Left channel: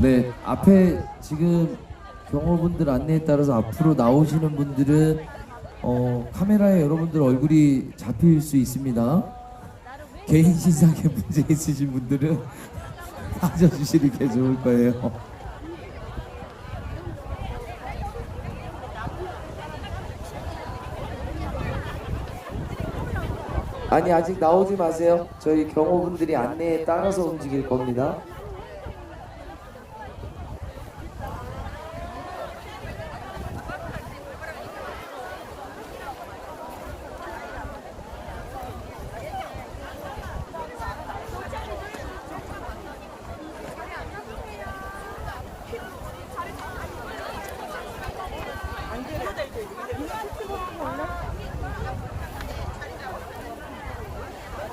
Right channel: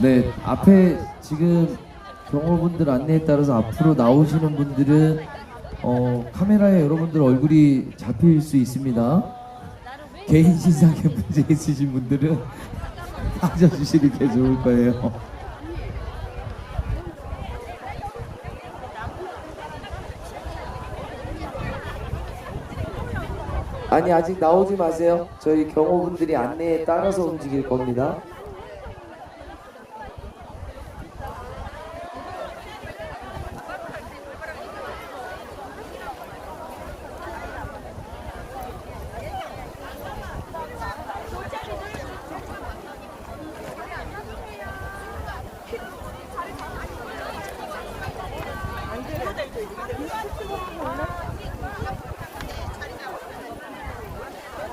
네, 앞에 지금 경호분들 안내에 따라서 앞으로 나오시는 분들은 어, 카메라에 여러분들 얼굴이 잡힐 수 있습니다. 개인 신상에 문제 있으신 분들은 빠져주시는 게 좋을 거예요. 아니 아직 나오지 마세요. 저희 경호분들이 안내에 따라서 움직일 겁니다.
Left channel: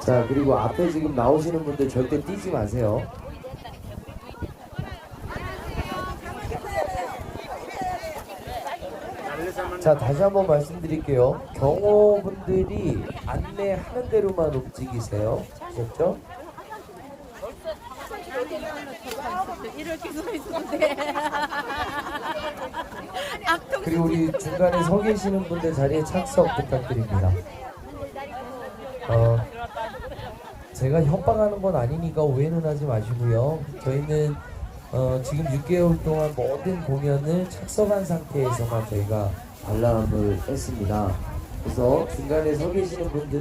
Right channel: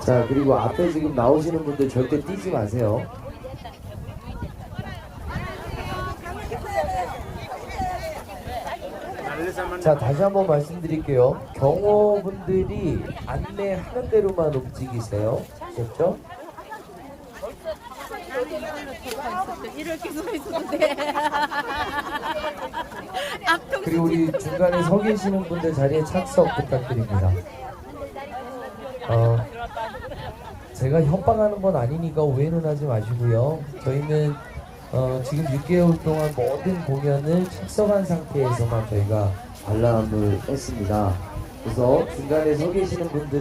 자 그리고 앞에 지금 나오시는 분들 절대 뛰지 마세요. 자 다시 한번 말씀드릴게요. 경호분들이 안내하는 대로만 움직이세요. 아셨죠? 나는 이걸로 돌파 있었어. 이렇게 서 있어도 돼. 그리고 우리 중간에 서 계시는 분들 자리에 착석 부탁드립니다. 어, 제가 협박하는 건 아니니까 오해는 하지 마시고요. 저희는 어, 지금 6개월 동안 모든 공연을 착석한 상태에서만 저희가 관람을 했습니다. 그래서 중간에 서 계시는 분들